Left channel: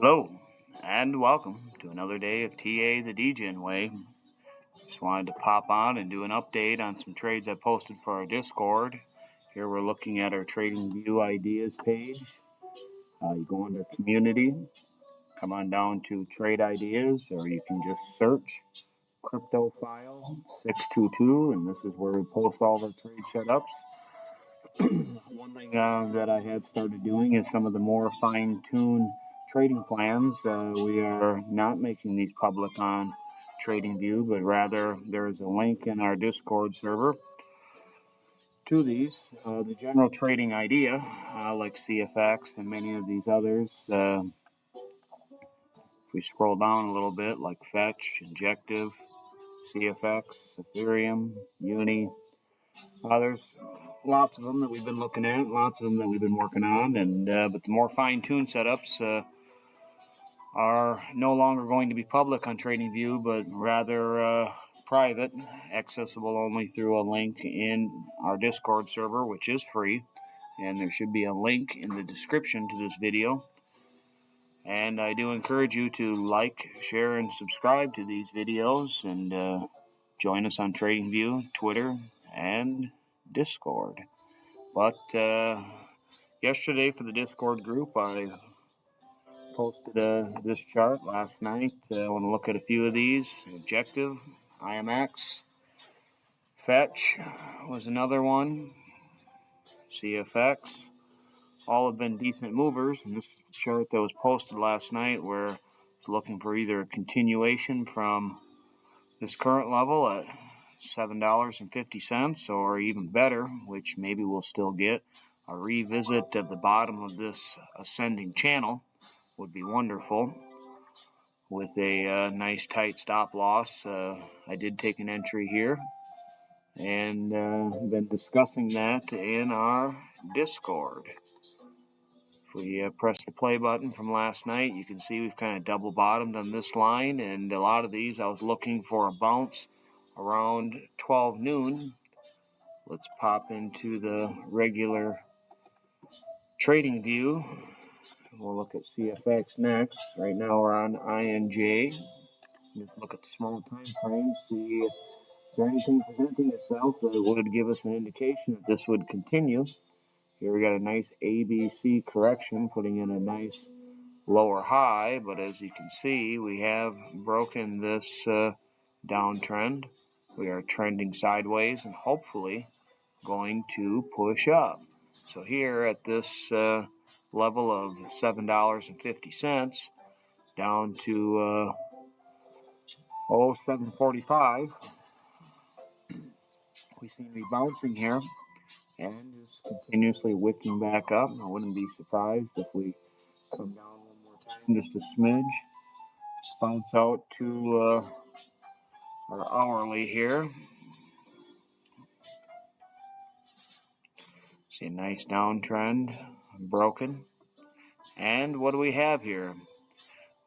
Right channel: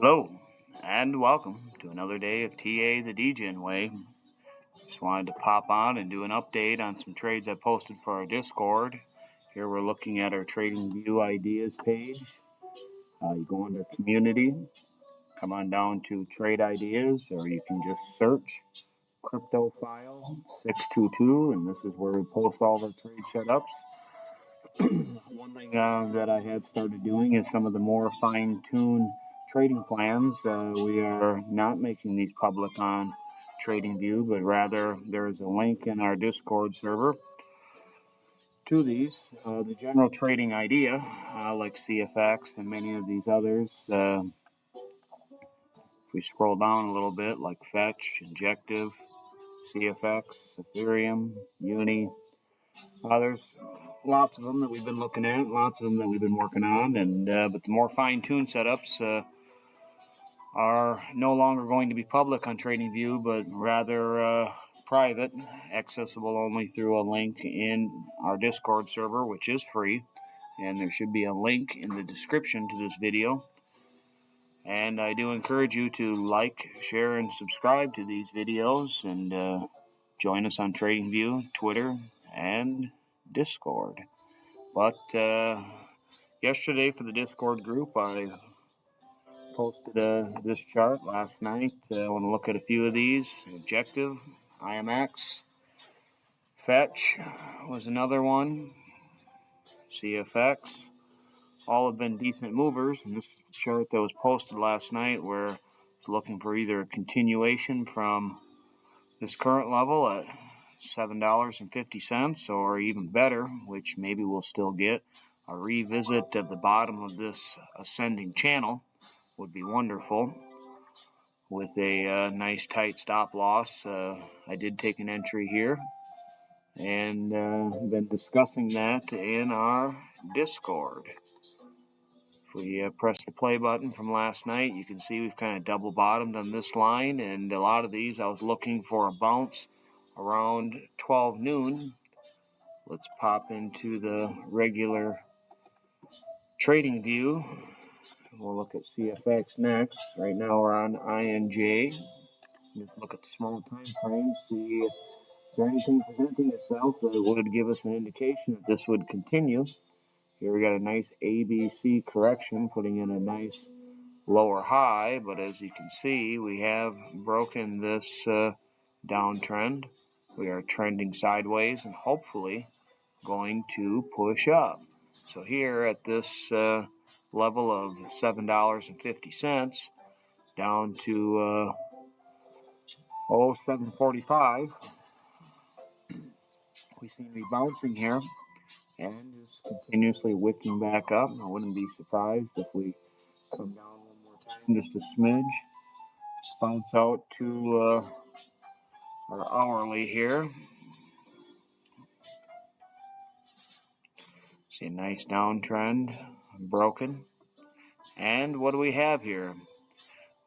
Hello, and welcome to another day of TA the Degen way. Just wanted to pop on and do an update on some trades I posted for our Discord. Here we're looking at our Trading View Ideas page. You go under Community, come on down to Trade Ideas, or you can just search Crypto File 622, and this is where we post all of our trade setups. One thing that I had started doing is some of the more fine-tuned trading plans. We are not making these public on TradingView, but rather there is a link in our Discord server to these. The general trading idea, like CFX and many of these others, if we scroll down a little bit, like Fetch, Injective, CFX, Ethereum, Uni, there's lots of them that we've been looking at, lots of them that we've been working on, and but the more fine-tuned setups are no longer going to be public on TradingView, but rather private, accessible only through a link in our Discord server, which is free, and there should be a link in the description to this video. And I do encourage you to like, share, and subscribe to these videos, and join us on TradingView, Twitter, and Discord. But yesterday for the Discord group, I posted this chart last night. I want to look at a few of these. Injective, IMX, Fetch was another one, CFX. All have been decent movers. And this chart that was posted last night where it's looking for either a continuation from this current level at $7.50 or even better, which maybe we'll still get. A revisit of the bottom of this ascending channel would be wonderful with a nice tight stop loss. I did take an entry here and been discussing that in our Discord. If we press the play button from last night, you can see we've kind of double bottomed on this line, and a lot of these I was looking for a bounce around 12 noon. Let's pop into the regular trading view. We'll look at CFX next. Right now we're on INJ. Just look at the small time frame, see if there's anything presenting itself that would give us an indication that this would continue. Here we got a nice ABC correction, putting in a nice lower high, but as you can see, we have broken this downtrend. We are trending sideways and hopefully going to push up. So here at this level of $7.50 down to $7.45, we seem to be bouncing here and just continuously wicking back up. I wouldn't be surprised if we come down one more time, just a smidge. Bounce out to our hourly here. See a nice downtrend, broken. And what do we have here?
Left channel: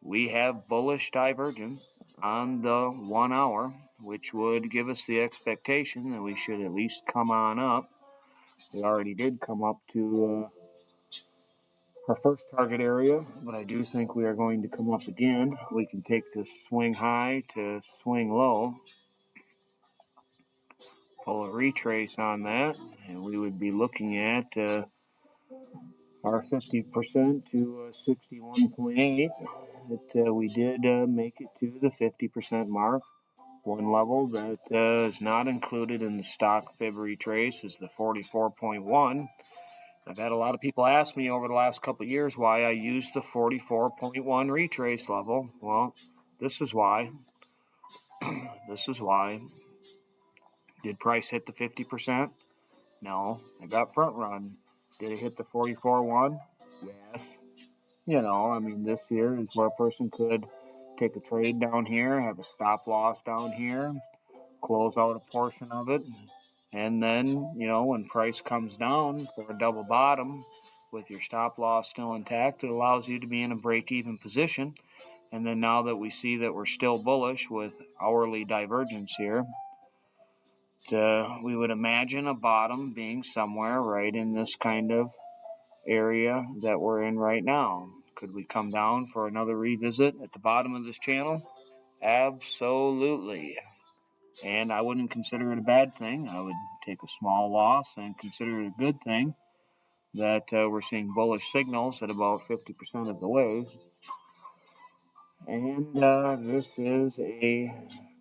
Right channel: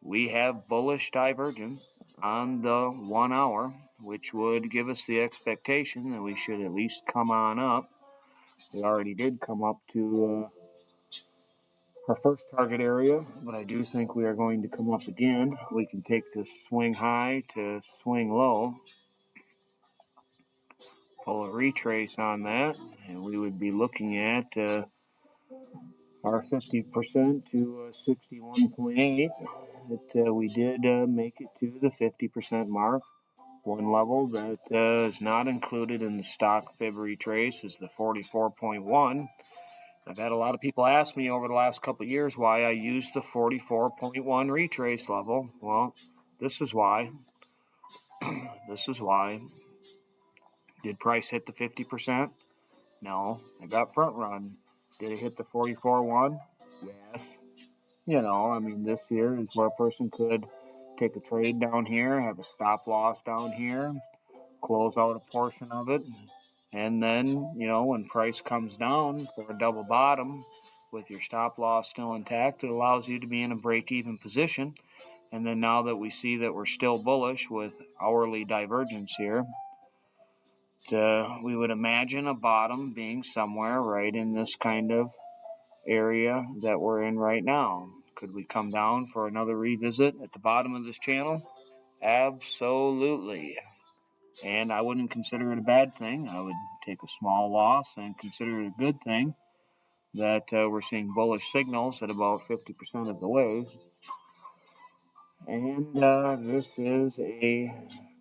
We have bullish divergence on the 1 hour, which would give us the expectation that we should at least come on up. We already did come up to our first target area, but I do think we are going to come up again. We can take this swing high to swing low, pull a retrace on that, and we would be looking at our 50% to 61.8. We did make it to the 50% mark. One level that is not included in the stock fib retrace is the 44.1. I've had a lot of people ask me over the last couple of years why I used the 44.1 retrace level. Well, this is why. This is why. Did price hit the 50%? No. I got front run. Did it hit the 44.1? Yes. You know, I mean, this here is where a person could take a trade down here, have a stop loss down here, close out a portion of it, and then, you know, when price comes down for a double bottom with your stop loss still intact, it allows you to be in a break-even position. And then now that we see that we're still bullish with hourly divergence here, we would imagine a bottom being somewhere right in this kind of area that we're in right now. Could we come down for another revisit at the bottom of this channel? Absolutely. And I wouldn't consider it a bad thing. I would take a small loss and consider it a good thing that we're seeing bullish signals at about 50% of the way. And this is a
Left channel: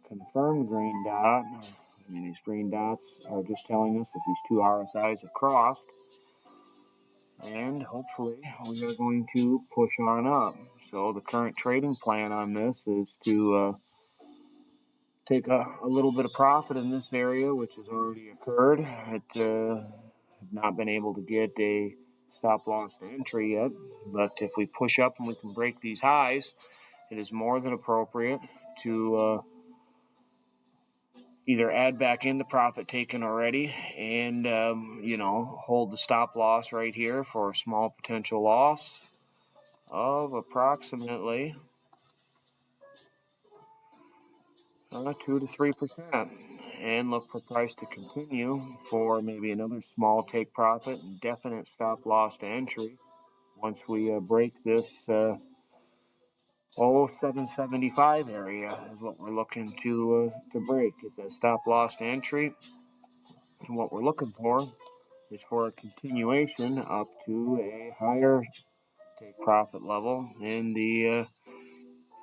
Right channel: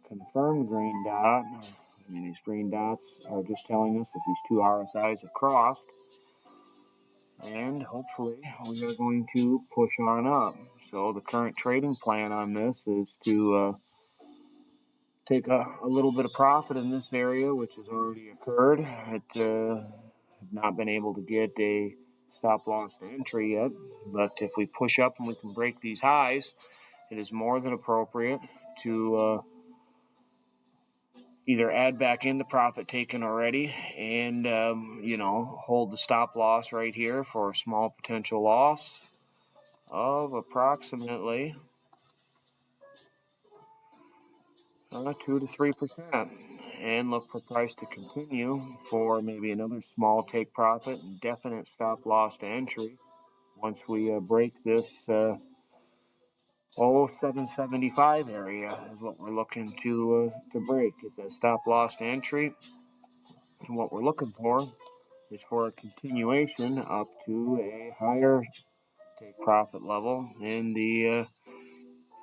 confirmed green dot. I mean, these green dots are just telling us that these two RSIs have crossed. And hopefully we are going to push on up. So the current trading plan on this is to take a little bit of profit in this area, which has already occurred. It have not been able to get a stop loss to entry yet, but if we push up and we can break these highs, it is more than appropriate to either add back in the profit taken already and, hold the stop loss right here for a small potential loss of approximately 2 to 3%, and look for price to continue for maybe another small take profit and definite stop loss to entry once we break this 775 area is what we're looking to break. Get that stop loss to entry, and what we're looking for is for a continuation up to a higher take profit level in the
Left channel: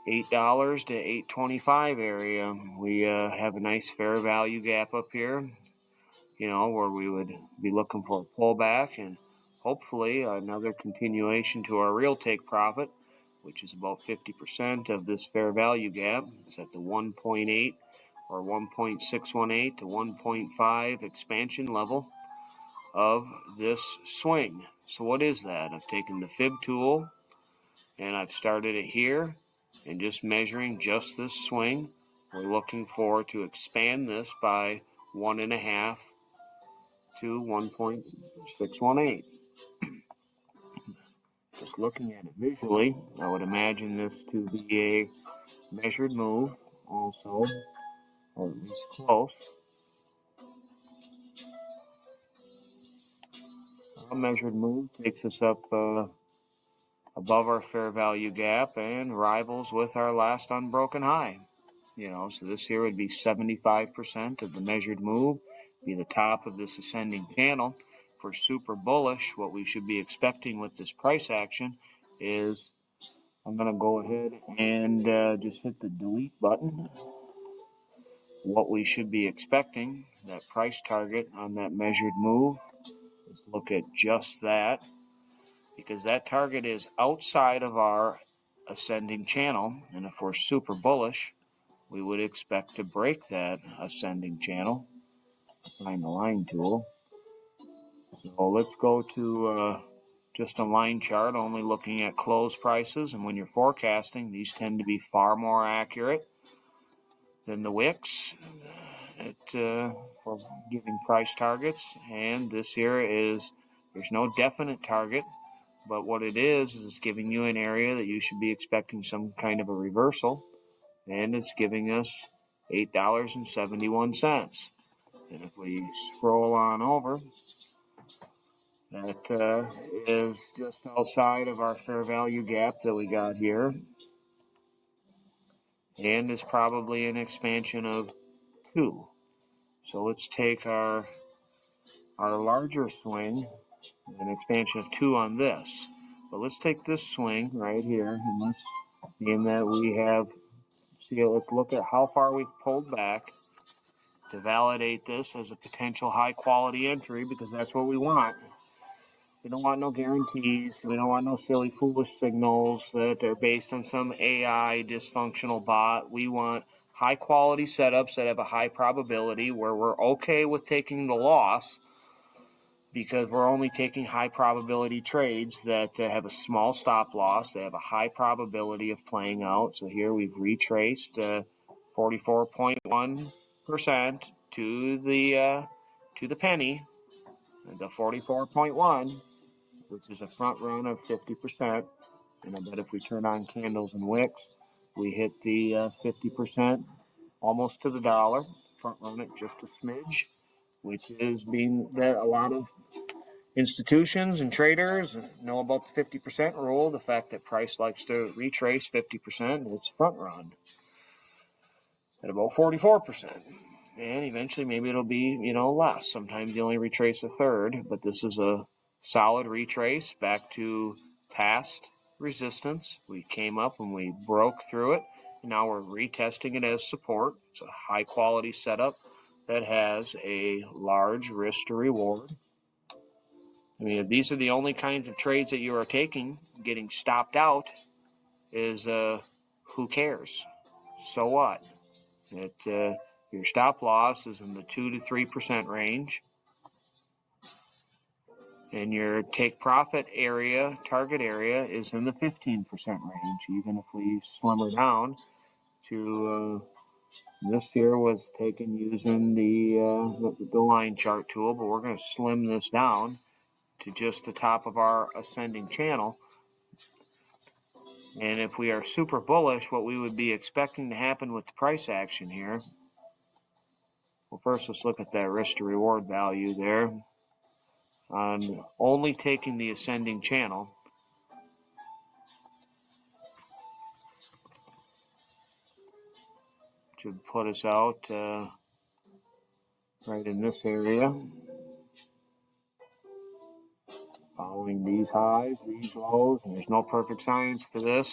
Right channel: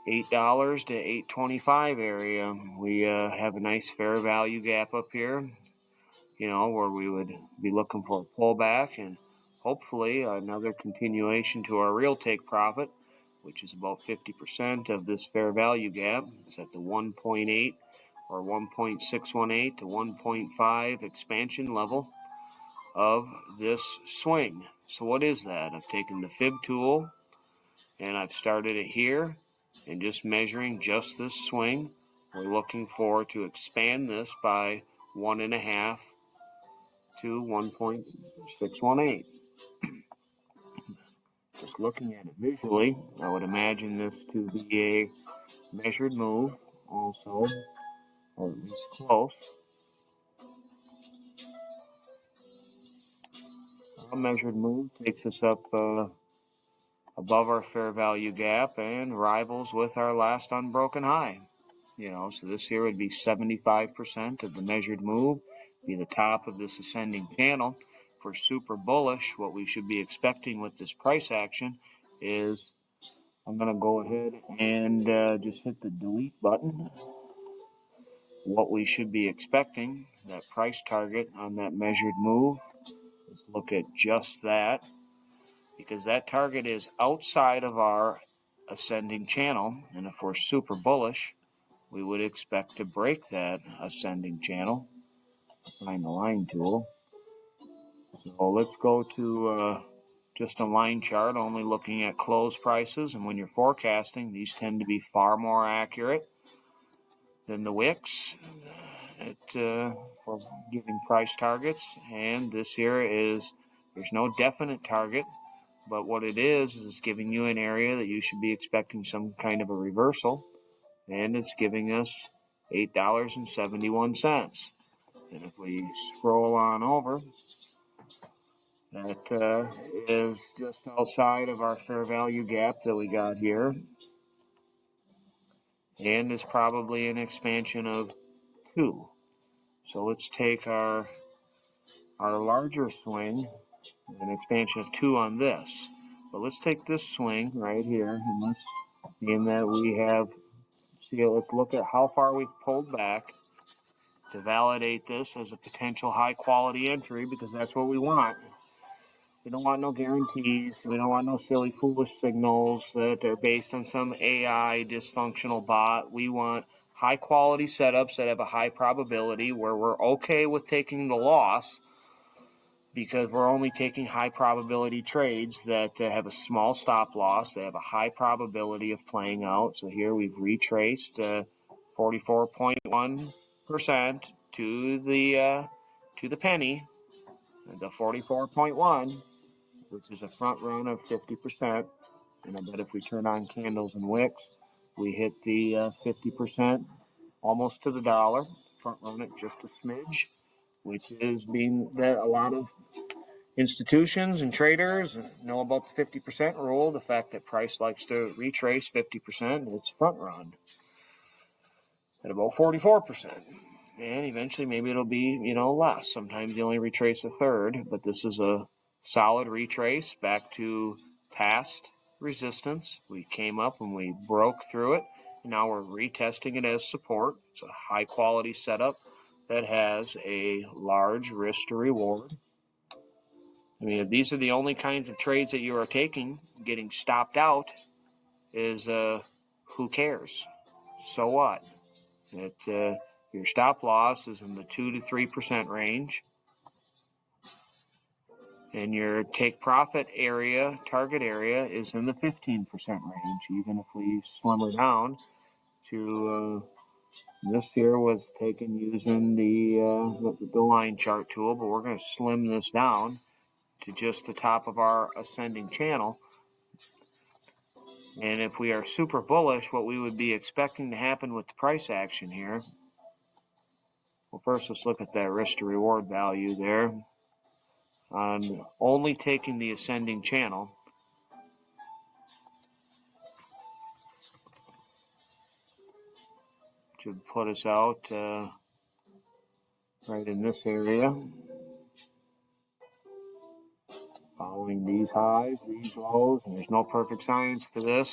$8 to $8.25 area. We have a nice fair value gap up here, where we would be looking for a pullback and hopefully another continuation to our real take profit, which is about 50% of this fair value gap. It's at the 1.8 or 1.618 to 1.5 expansion level of this swing. So what is that? I've taken the fib tool and I've started it here and just measuring just this swing. We're looking for to expand this by 1.5 to 1.618. Just looking at it visually, I would imagine this to be a measured move also, or at least close. A measured move takes us up above our fair value gap and rivals with our last unbroken high. So this here would be 75% of the measured move, be the top of this ascending channel. For super bullish, what we should be expecting with this price action is, I'm going to go ahead and just hit the delete button. What we should be expecting, that price target on that measured move, let's look at just that, because that target is outside of our ascending channel, and if we're super bullish, we would expect to break that ascending channel. Find the line tool. So let's go to just a line chart, only looking at close prices, and when you're forecasting, these tend to be far more accurate than the wicks for giving price targets. And this here is, there's no definite target, but what it is it's giving you an area that you should be expecting some kind of a reversal, and it's giving us $8.71. And if we scroll on over, that is just outside of our fair value gap that we got here, and is probably an expansion of 2. So let's take our larger swing, an expansion of 2 on this. But let's take this swing right here, and let's, in that we have, let's look at how far we've pulled back to validate this as a potential high quality entry, because that's what we want. We don't want no guarantees. We don't want no silly, foolish signals that are based on some AI dysfunctional bot. We want high quality setups that have a high probability where we're okay with taking the loss, because we're only taking high probability trades that have a small stop loss. They have a high probability of playing out. So here we've retraced 44.1% to the penny, the 44.1, which is a front run of 50%. And I bet if we turn on candles and wicks, we hit the 50%, almost to the dollar. Front run it just a smidge, which is being there. A lot of Institutions and traders know about the 50% rule, the fact that price likes to retrace 50% and it's front run at about 44%. And eventually maybe it'll be, less. Sometimes you only retrace a third, but this is a solid retrace back to past resistance. We came up and we broke through it. And now we're retesting it as support. It's a high quality setup that has a large risk to reward. I mean, if these are the only kinds of trades that you are taking, getting stopped out is, who cares? So what? Your stop loss is in the 2 to 3% range. And your take profit area, target area, is in the 15% range, even if we slim it down to this here was taken using the line chart tool, but we're going to slim this down to just the top of our ascending channel. And if we are super bullish, what we would be expecting to happen with the price action here. Well, first let's look at that risk to reward value there. On only taking the ascending channel. Should put us out right in this area. Following these highs, these lows, and there's no perfect science to this.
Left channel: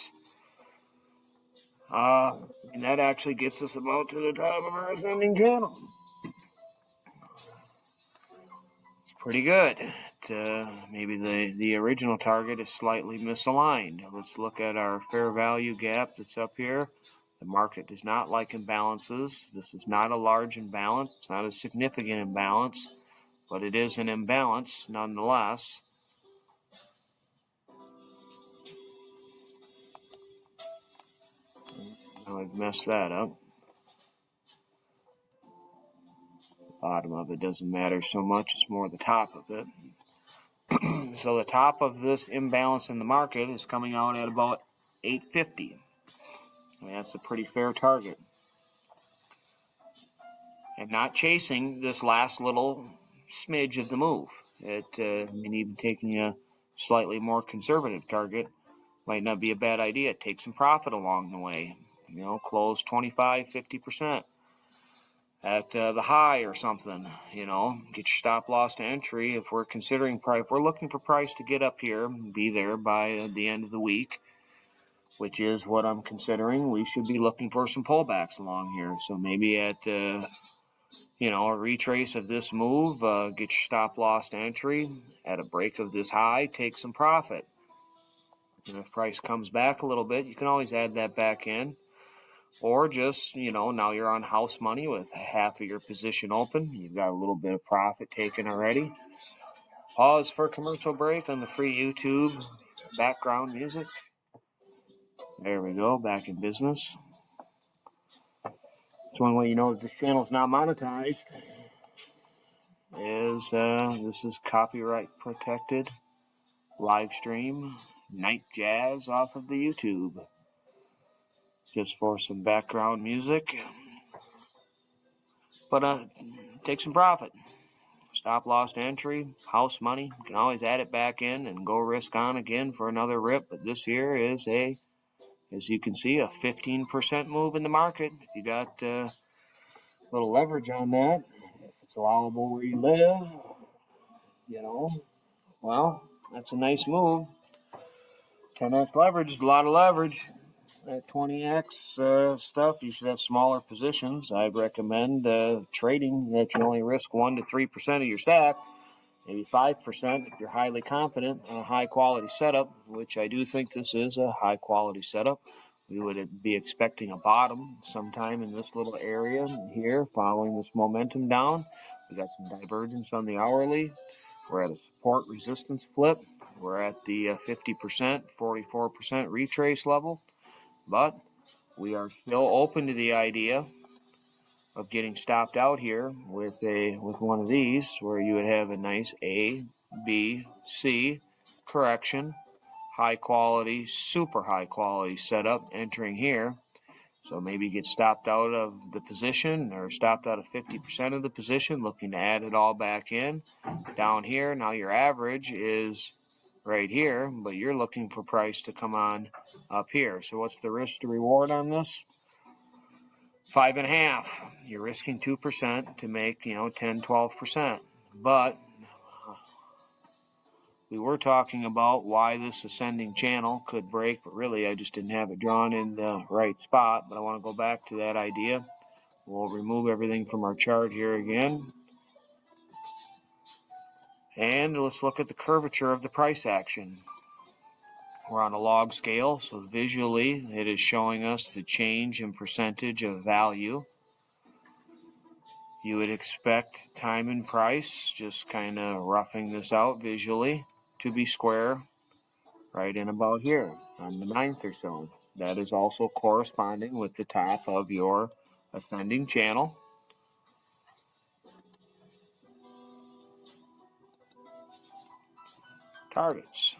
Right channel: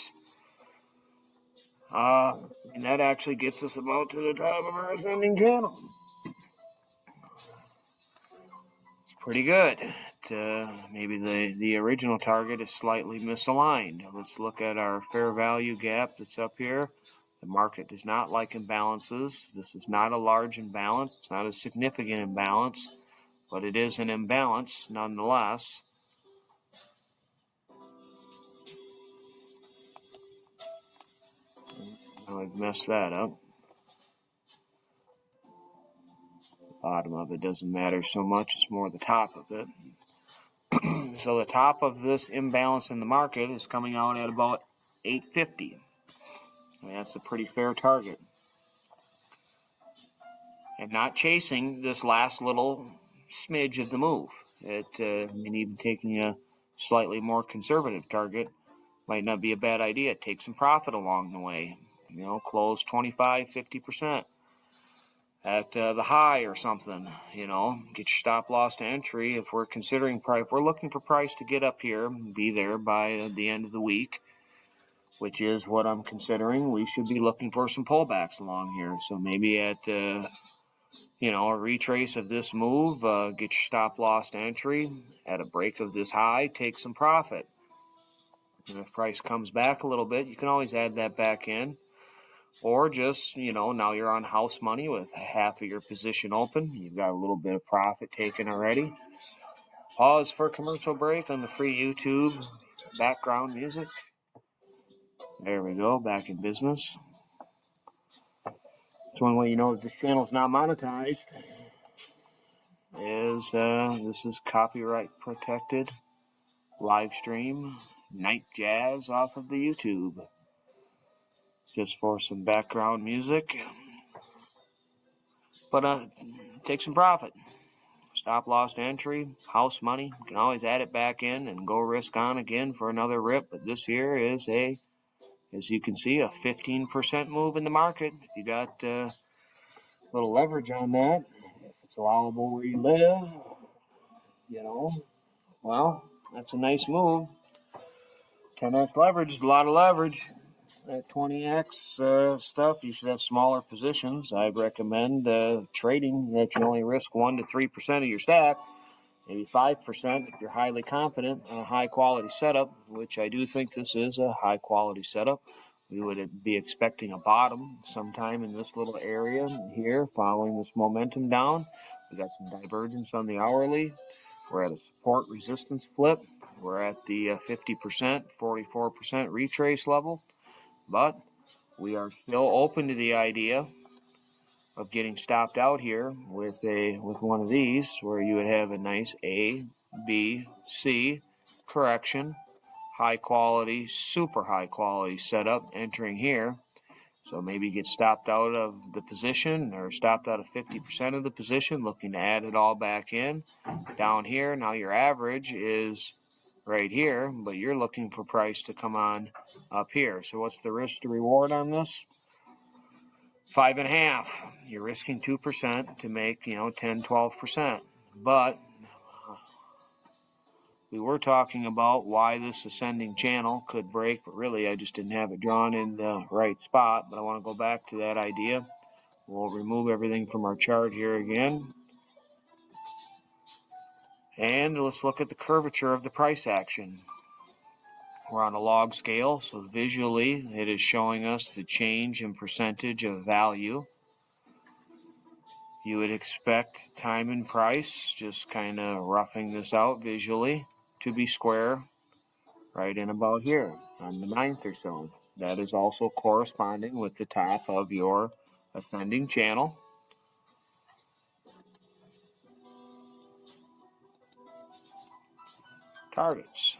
And that actually gets us about to the top of our ascending channel. It's pretty good. Maybe the original target is slightly misaligned. Let's look at our fair value gap that's up here. The market does not like imbalances. This is not a large imbalance. It's not a significant imbalance, but it is an imbalance nonetheless. Now we've messed that up. The bottom of it doesn't matter so much. It's more the top of it. So the top of this imbalance in the market is coming out at about 850. I mean, that's a pretty fair target. And not chasing this last little smidge of the move. And even taking a slightly more conservative target might not be a bad idea. Take some profit along the way. Close 25, 50% at the high or something. Get your stop loss to entry. If we're considering price, if we're looking for price to get up here, be there by the end of the week, which is what I'm considering, we should be looking for some pullbacks along here. So maybe at a retrace of this move, get your stop loss to entry. At a break of this high, take some profit. And if price comes back a little bit, you can always add that back in. Or just, now you're on house money with half of your position open. You've got a little bit of profit taken already. Pause for commercial break on the free YouTube background music. There we go, back in business. So one way you know if this channel is not monetized is this is copyright protected live stream night jazz off of the YouTube. Just for some background music. But take some profit. Stop loss to entry, house money. You can always add it back in and go risk on again for another rip. But this here is as you can see, a 15% move in the market. If you got a little leverage on that, if it's allowable where you live, well, that's a nice move. 10x leverage is a lot of leverage. At 20x stuff, you should have smaller positions. I'd recommend trading that you only risk 1 to 3% of your stack, maybe 5% if you're highly confident on a high quality setup, which I do think this is a high quality setup. We would be expecting a bottom sometime in this little area here, following this momentum down. We got some divergence on the hourly. We're at a support resistance flip. We're at the 50%, 44% retrace level. But we are still open to the idea of getting stopped out here with one of these, where you would have a nice A, B, C correction, high quality, super high quality setup entering here. So maybe get stopped out of the position or stopped out of 50% of the position, looking to add it all back in. Down here, now your average is right here, but you're looking for price to come on up here. So what's the risk to reward on this? 5.5. You're risking 2% to make, 10, 12%. But we were talking about why this ascending channel could break, but really I just didn't have it drawn in the right spot. But I want to go back to that idea. We'll remove everything from our chart here again. And let's look at the curvature of the price action. We're on a log scale, so visually it is showing us the change in percentage of value. You would expect time and price, just kind of roughing this out visually, to be square right in about here on the 9th or so. That is also corresponding with the top of your ascending channel. Targets.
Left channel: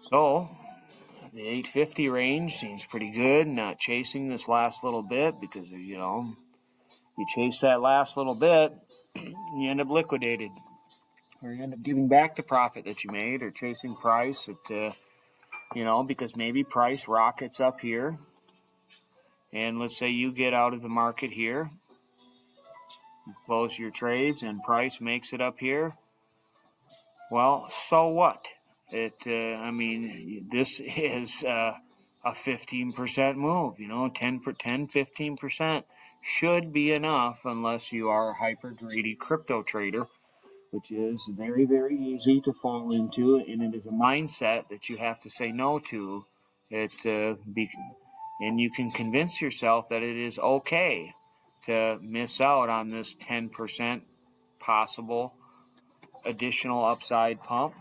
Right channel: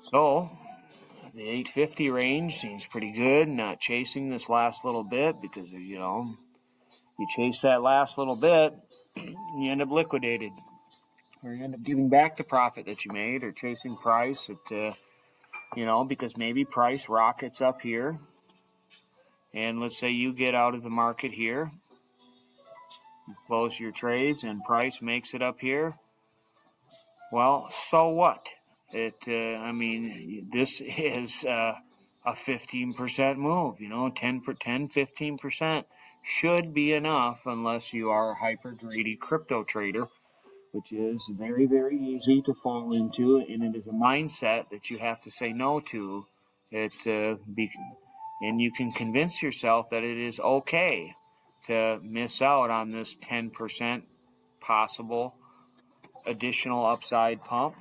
So the 850 range seems pretty good. Not chasing this last little bit because, you chase that last little bit, you end up liquidated. Or you end up giving back the profit that you made, or chasing price at, because maybe price rockets up here. And let's say you get out of the market here. You close your trades and price makes it up here. Well, so what? This is a 15% move, 10, 15% should be enough unless you are a hyper greedy crypto trader, which is very, very easy to fall into, and it is a mindset that you have to say no to. And you can convince yourself that it is okay to miss out on this 10% possible additional upside pump.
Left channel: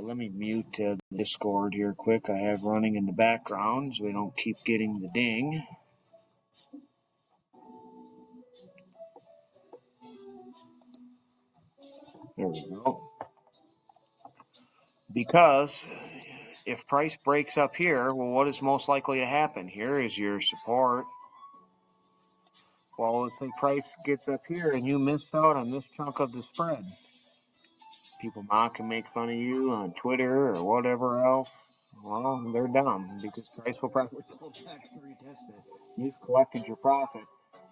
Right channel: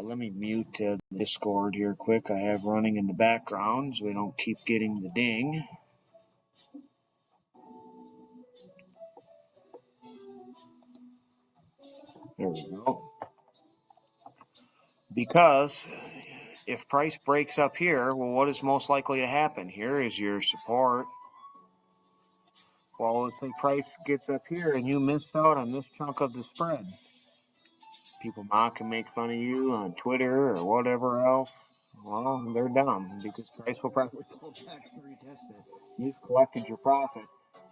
Let me mute the Discord here quick. I have running in the background so we don't keep getting the ding. There we go. Because if price breaks up here, well, what is most likely to happen? Here is your support. Well, if the price gets up here and you miss out on this chunk of the spread, people mock and make fun of you on Twitter or whatever else. Well, they're down because price will probably pull back to retest it. You've collected your profit.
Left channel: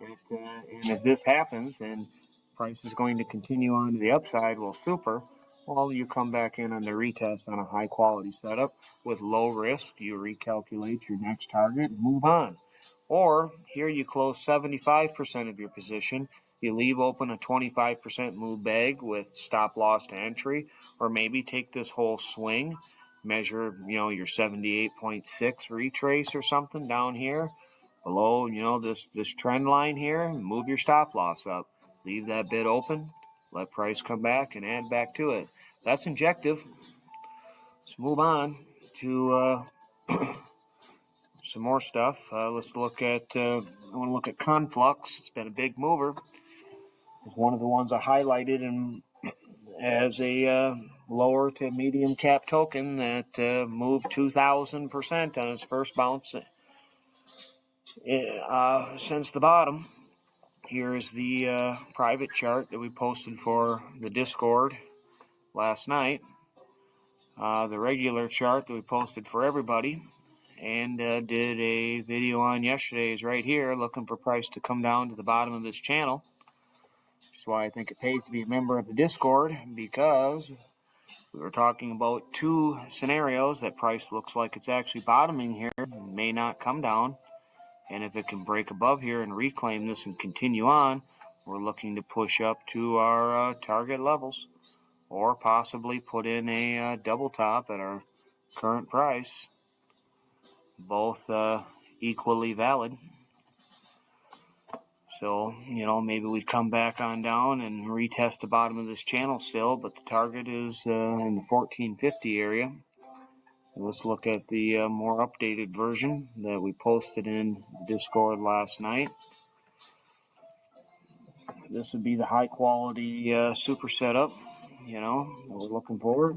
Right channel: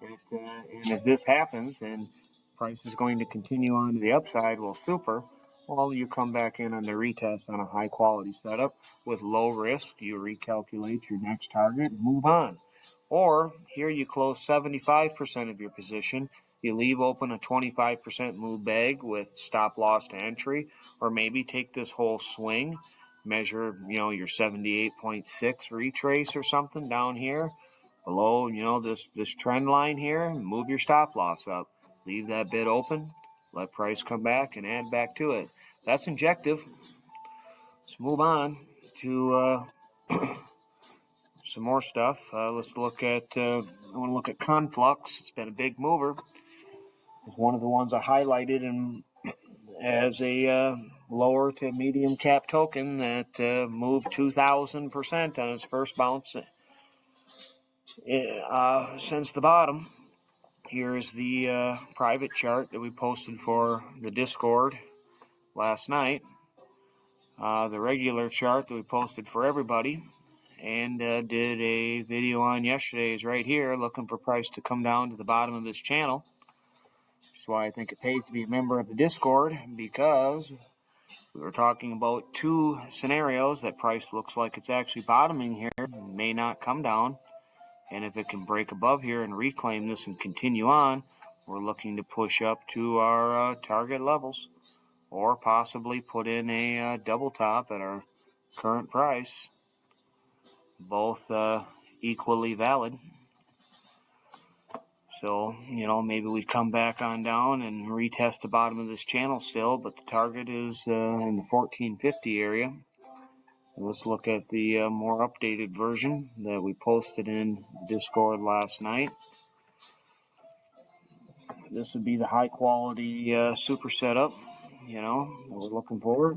And if this happens and price is going to continue on to the upside, well, super. Well, you come back in on the retest on a high quality setup with low risk. You recalculate your next target and move on. Or here you close 75% of your position. You leave open a 25% move bag with stop loss to entry, or maybe take this whole swing, measure, your 78.6 retrace or something down here below, this trend line here, move your stop loss up, leave that bid open, let price come back and add back to it. That's injective. Let's move on to some more stuff. Let's look at, I want to look at conflux. It's been a big mover. It's one of the ones I highlighted as a lower to medium cap token that moved 2,000% on its first bounce since the bottom. Here is the private chart that we posted for the Discord last night. The regular chart that we posted for everybody and did a video on yesterday is right here, looking for price to come down to the bottom of this channel. That's why I think it pays to be a member of the Discord, because we were talking about two scenarios. That price looks like it's actually bottoming here, may not come down, and if it can break above here and reclaim this and continue on, we're looking to push up to our target levels, or possibly put in a double top at our current price. Both equally valid. So, maybe we come back on down and retest the bottom of this channel still, but the target is in the 1450 area. Let's look at the more updated version that we posted in Discord last night. This would be the high quality super setup. you know, that we're looking for.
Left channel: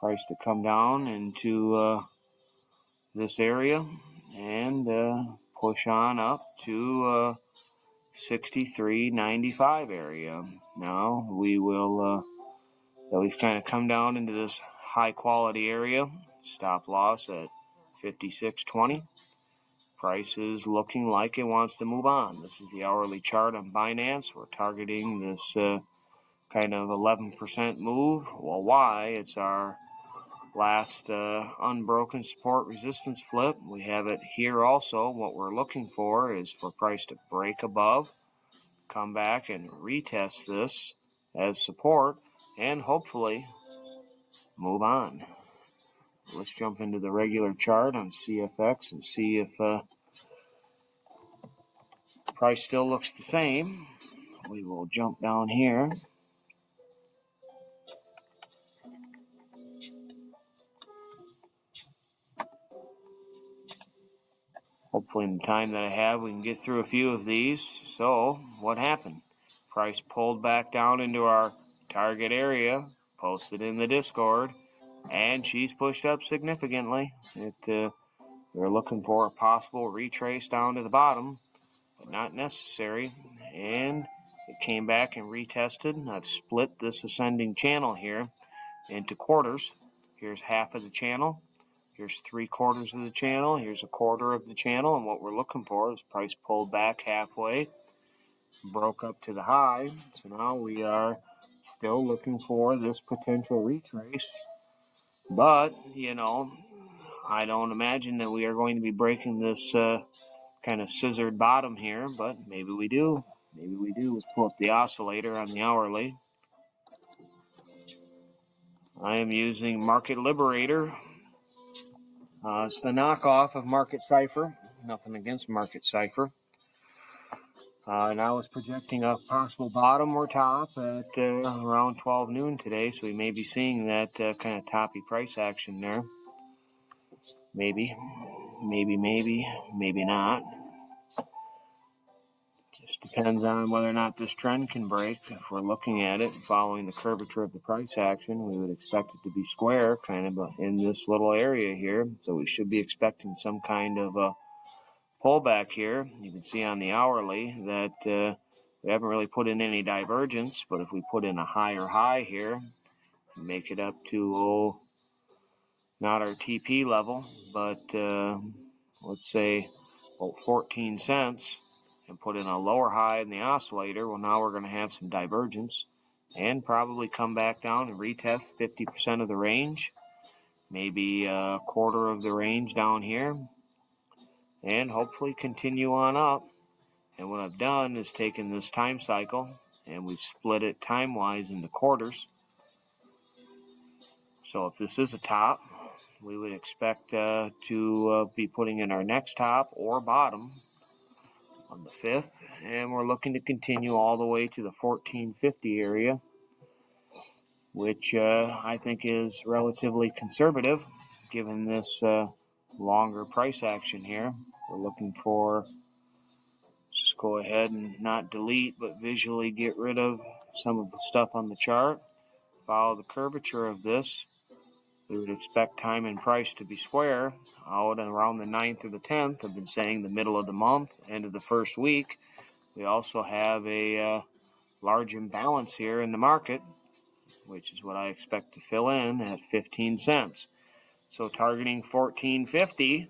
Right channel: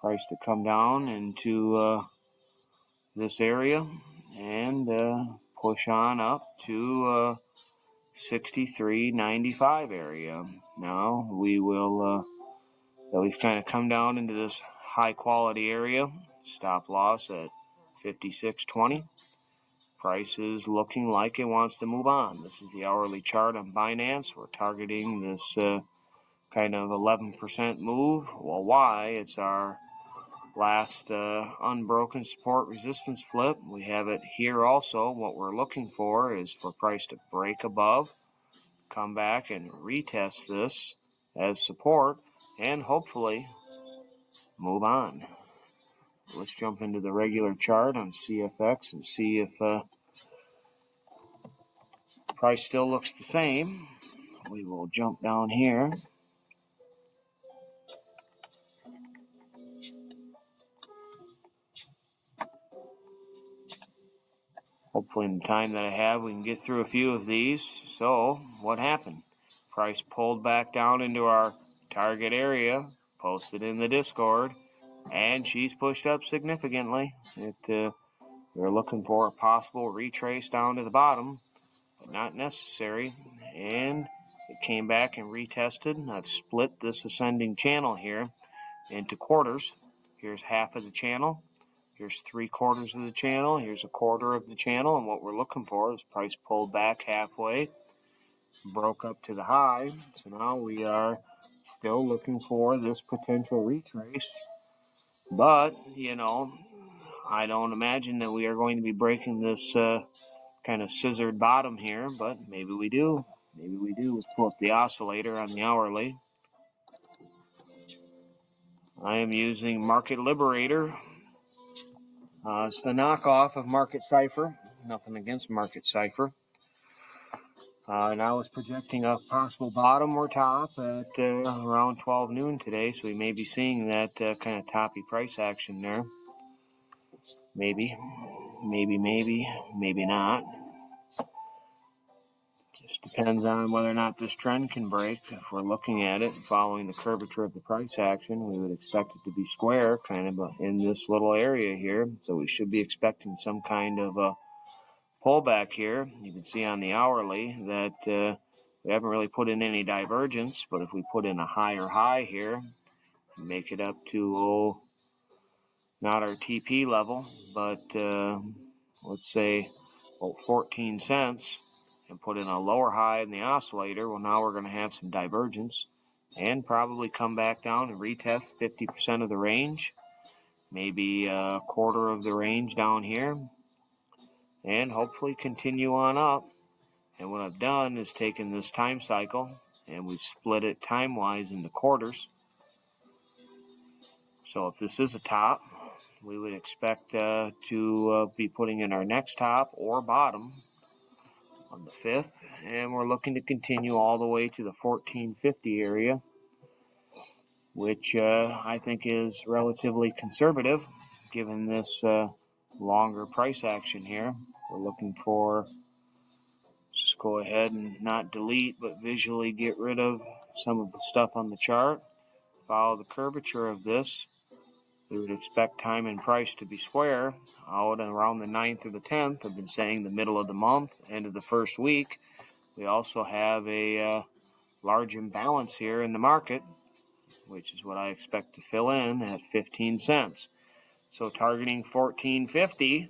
Price to come down into this area and push on up to 63.95 area. Now we will, we've kind of come down into this high quality area. Stop loss at 56.20. Price is looking like it wants to move on. This is the hourly chart on Binance. We're targeting this kind of 11% move. Well, why? It's our last unbroken support resistance flip. We have it here also. What we're looking for is for price to break above, come back and retest this as support, and hopefully move on. Let's jump into the regular chart on CFX and see if price still looks the same. We will jump down here. Hopefully in the time that I have, we can get through a few of these. So what happened? Price pulled back down into our target area, posted in the Discord, and she's pushed up significantly. We're looking for a possible retrace down to the bottom, but not necessary. And it came back and retested. I've split this ascending channel here into quarters. Here's half of the channel. Here's 3/4 of the channel. Here's a quarter of the channel. And what we're looking for is price pulled back halfway, broke up to the high. So now we are still looking for this potential retrace. But, you know, I don't imagine that we are going to be breaking this kind of scissored bottom here, but maybe we do. Maybe we do. Let's pull up the oscillator on the hourly. I am using Market Liberator. It's the knockoff of Market Cipher. Nothing against Market Cipher. And I was projecting a possible bottom or top at around 12 noon today, so we may be seeing that kind of toppy price action there. Maybe not. Just depends on whether or not this trend can break. If we're looking at it and following the curvature of the price action, we would expect it to be square, kind of in this little area here. So we should be expecting some kind of a pullback here. You can see on the hourly that we haven't really put in any divergence, but if we put in a higher high here, make it up to, not our TP level, but let's say 14 cents, and put in a lower high in the oscillator, well, now we're going to have some divergence and probably come back down and retest 50% of the range, maybe a quarter of the range down here, and hopefully continue on up. And what I've done is taken this time cycle and we've split it time-wise into quarters. So if this is a top, we would expect to be putting in our next top or bottom on the 5th, and we're looking to continue all the way to the 1450 area, which I think is relatively conservative given this longer price action here. We're looking for, just go ahead and not delete, but visually get rid of some of the stuff on the chart. Follow the curvature of this. We would expect time and price to be square out around the 9th or the 10th. I've been saying the middle of the month, end of the first week. We also have a large imbalance here in the market, which is what I expect to fill in at 15 cents. So targeting 1450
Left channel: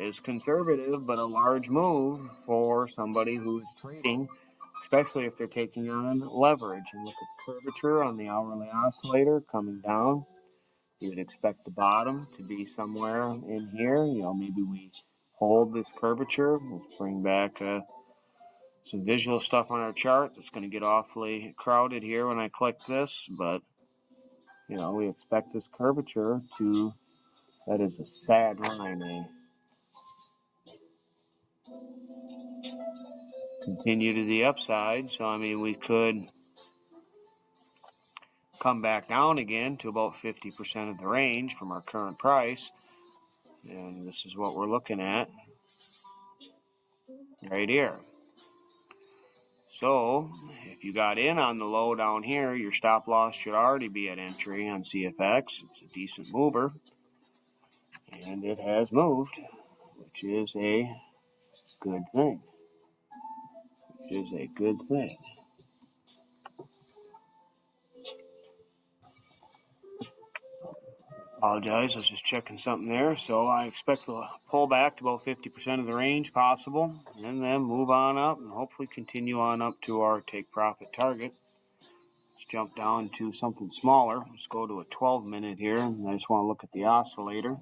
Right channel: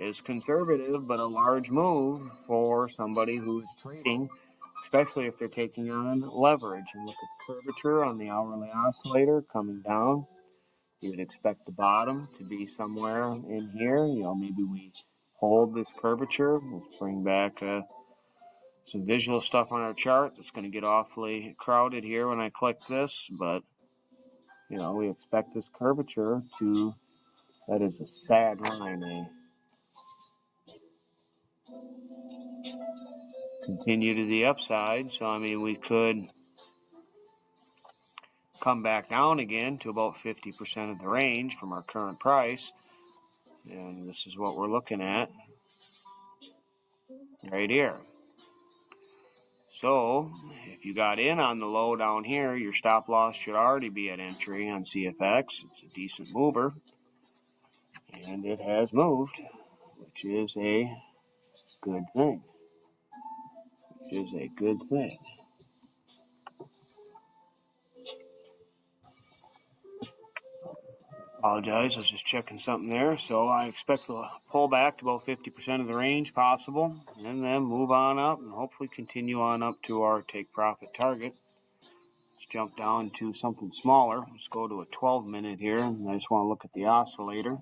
is conservative, but a large move for somebody who's trading, especially if they're taking on leverage. And look at the curvature on the hourly oscillator coming down. You would expect the bottom to be somewhere in here. You know, maybe we hold this curvature. Let's bring back some visual stuff on our chart. It's going to get awfully crowded here when I click this, but, you know, we expect this curvature to, that is a sad line, continue to the upside. So, I mean, we could come back down again to about 50% of the range from our current price. And this is what we're looking at right here. So if you got in on the low down here, your stop loss should already be at entry on CFX. It's a decent mover, and it has moved, which is a good thing. Apologize, I was just checking something there. So I expect to pull back to about 50% of the range possible, and then move on up and hopefully continue on up to our take profit target. Let's jump down to something smaller. Let's go to a 12-minute here, and I just want to look at the oscillator.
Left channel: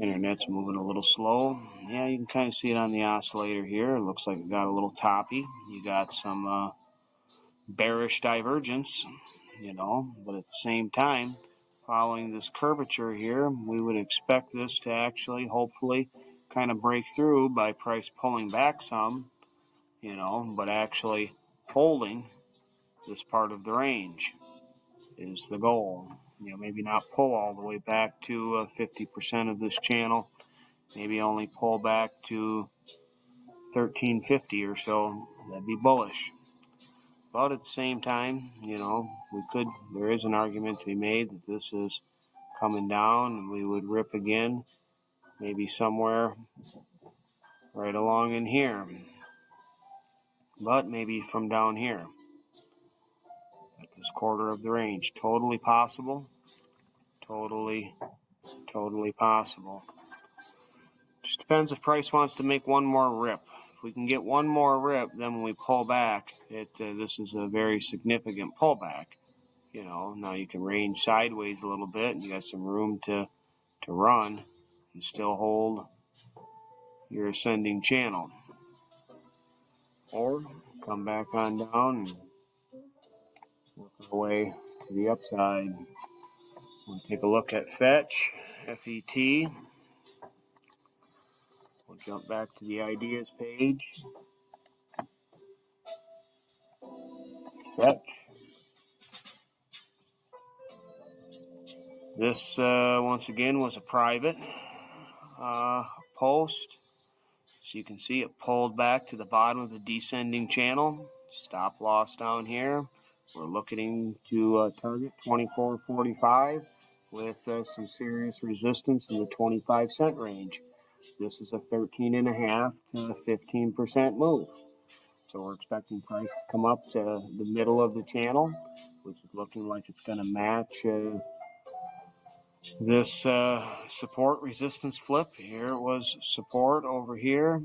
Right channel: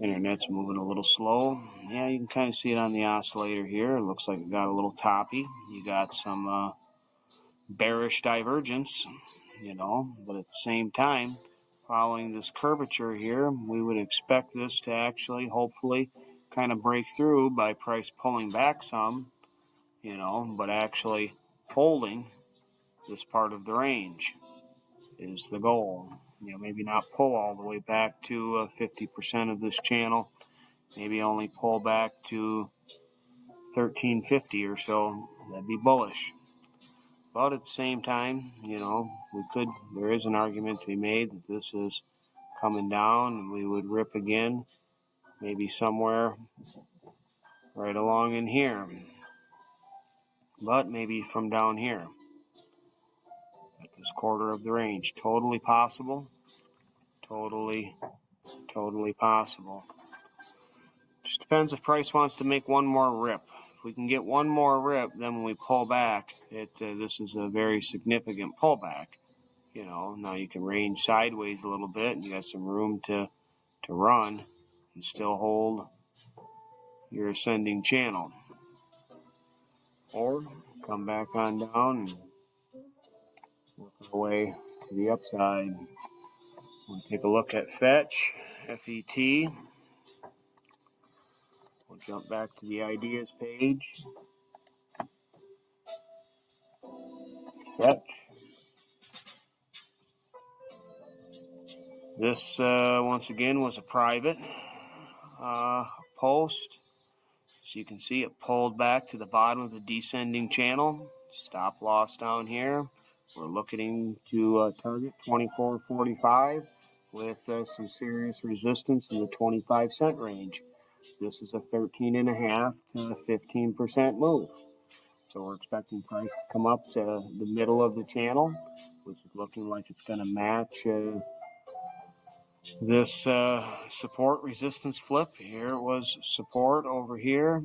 Internet's moving a little slow. Yeah, you can kind of see it on the oscillator here. It looks like it got a little toppy. You got some bearish divergence, but at the same time, following this curvature here, we would expect this to actually, hopefully, kind of break through by price pulling back some, but actually holding this part of the range is the goal. Maybe not pull all the way back to 50% of this channel, maybe only pull back to 1350 or so. That'd be bullish. But at the same time, there is an argument to be made that this is coming down and we would rip again, maybe somewhere right along in here, but maybe from down here at this quarter of the range. Totally possible. Totally possible. Just depends if price wants to make one more rip. If we can get one more rip, then when we pull back, this is a very significant pullback. Now you can range sideways a little bit, and you got some room to run and still hold your ascending channel. Or come back on down and work our way to the upside. We'll take a look at Fetch, FET. We'll jump back to the ideas page. Fetch. This, once again, was a private post. So you can see it pulled back to the bottom of the descending channel. Stop loss down here. We're looking to target 24.45 with some serious resistance in the 25-cent range. This is a 13.5 to 15% move. So we're expecting price to come up to the middle of the channel, which is looking like it's going to match this support resistance flip. Here it was support over here,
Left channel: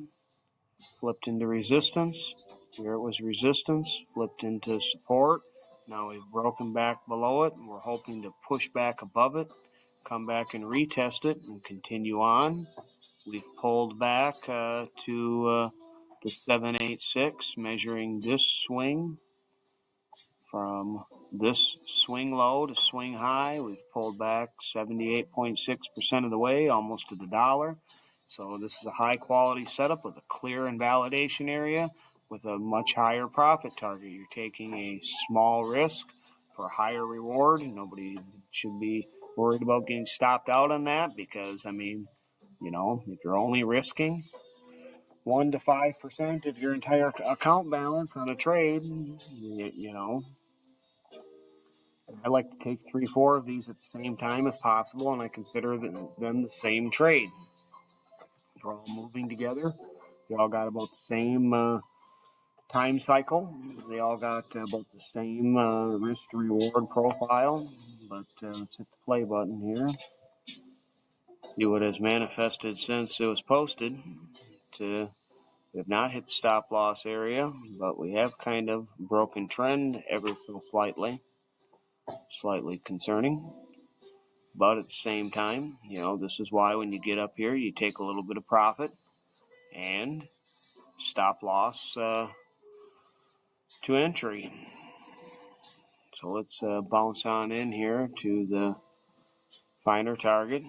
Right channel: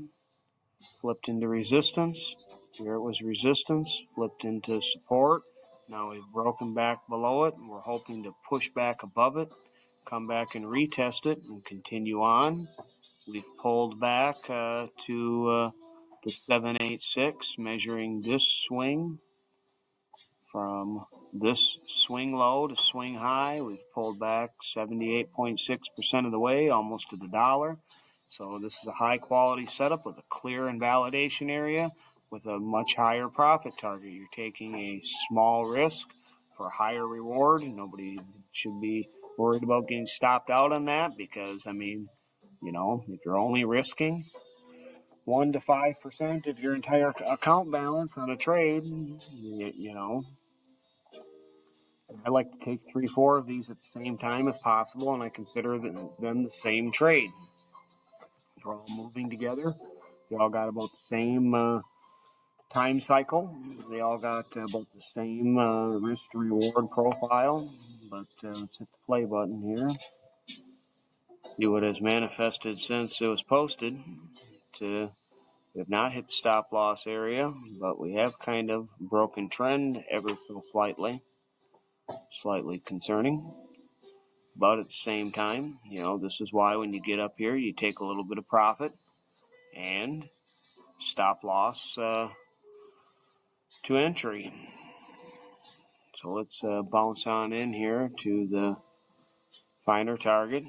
flipped into resistance. Here it was resistance, flipped into support. Now we've broken back below it, and we're hoping to push back above it, come back and retest it, and continue on. We've pulled back to the 786, measuring this swing. From this swing low to swing high, we've pulled back 78.6% of the way, almost to the dollar. So this is a high quality setup with a clear invalidation area with a much higher profit target. You're taking a small risk for a higher reward. Nobody should be worried about getting stopped out on that because, if you're only risking 1 to 5% of your entire account balance on a trade, I like to take 3-4 of these at the same time if possible, and I consider them the same trade. They're all moving together. They all got about the same time cycle. They all got about the same risk-to-reward profile. But let's hit the play button here. See what has manifested since it was posted. We have not hit the stop loss area, but we have kind of broken trend ever so slightly. Slightly concerning. But at the same time, this is why when you get up here, you take a little bit of profit and stop loss to entry. So let's bounce on in here to the finer target,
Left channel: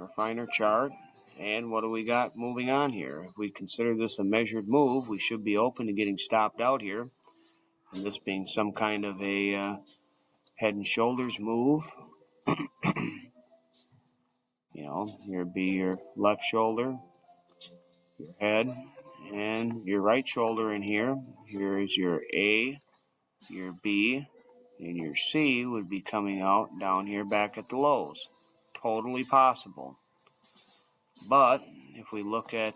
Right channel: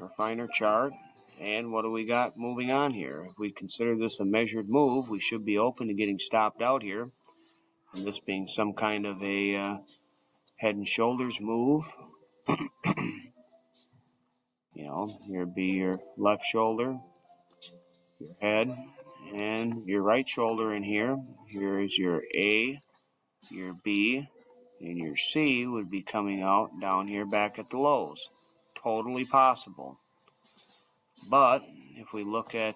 or finer chart. And what do we got moving on here? If we consider this a measured move, we should be open to getting stopped out here. And this being some kind of a head and shoulders move. Here be your left shoulder, your head, and your right shoulder in here. Here is your A, your B, and your C would be coming out down here back at the lows. Totally possible. But if we look at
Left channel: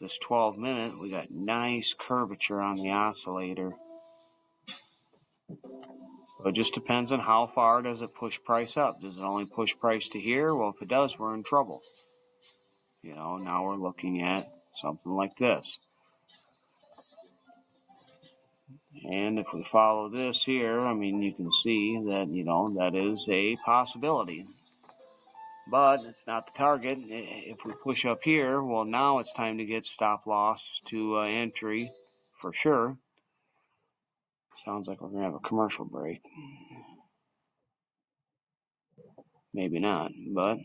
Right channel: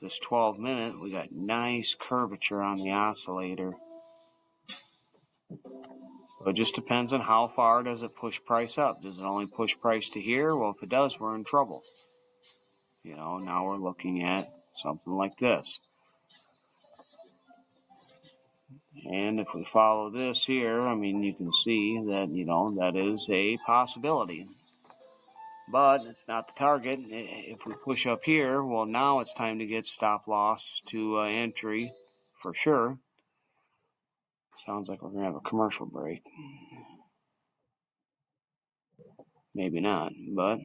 this 12-minute, we got nice curvature on the oscillator. So it just depends on how far does it push price up. Does it only push price to here? Well, if it does, we're in trouble. You know, now we're looking at something like this. And if we follow this here, I mean, you can see that, you know, that is a possibility. But it's not the target. If we push up here, well, now it's time to get stop loss to entry for sure. Sounds like we're going to have a commercial break. Maybe not, but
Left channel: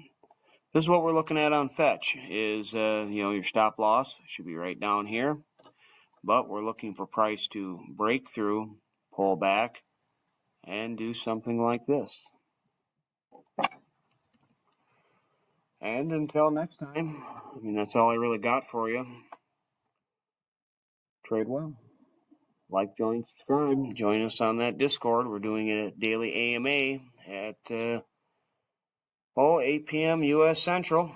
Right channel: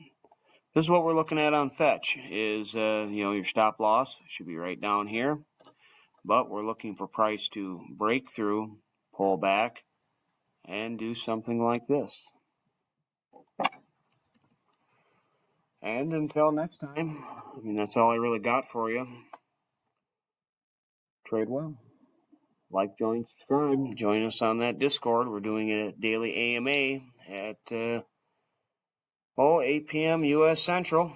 this is what we're looking at on fetch is, you know, your stop loss should be right down here. But we're looking for price to break through, pull back, and do something like this. And until next time, I mean, that's all I really got for you. Trade well. Like, join, subscribe. Join us on that Discord. We're doing it at daily AMA at 8 p.m. U.S. Central,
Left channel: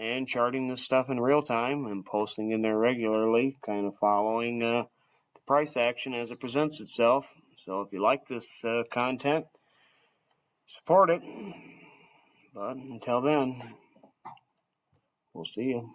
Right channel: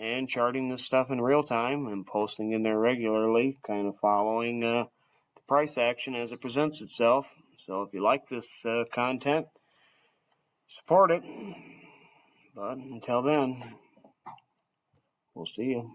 and charting this stuff in real time and posting in there regularly, kind of following the price action as it presents itself. So if you like this content, support it. But until then, we'll see you.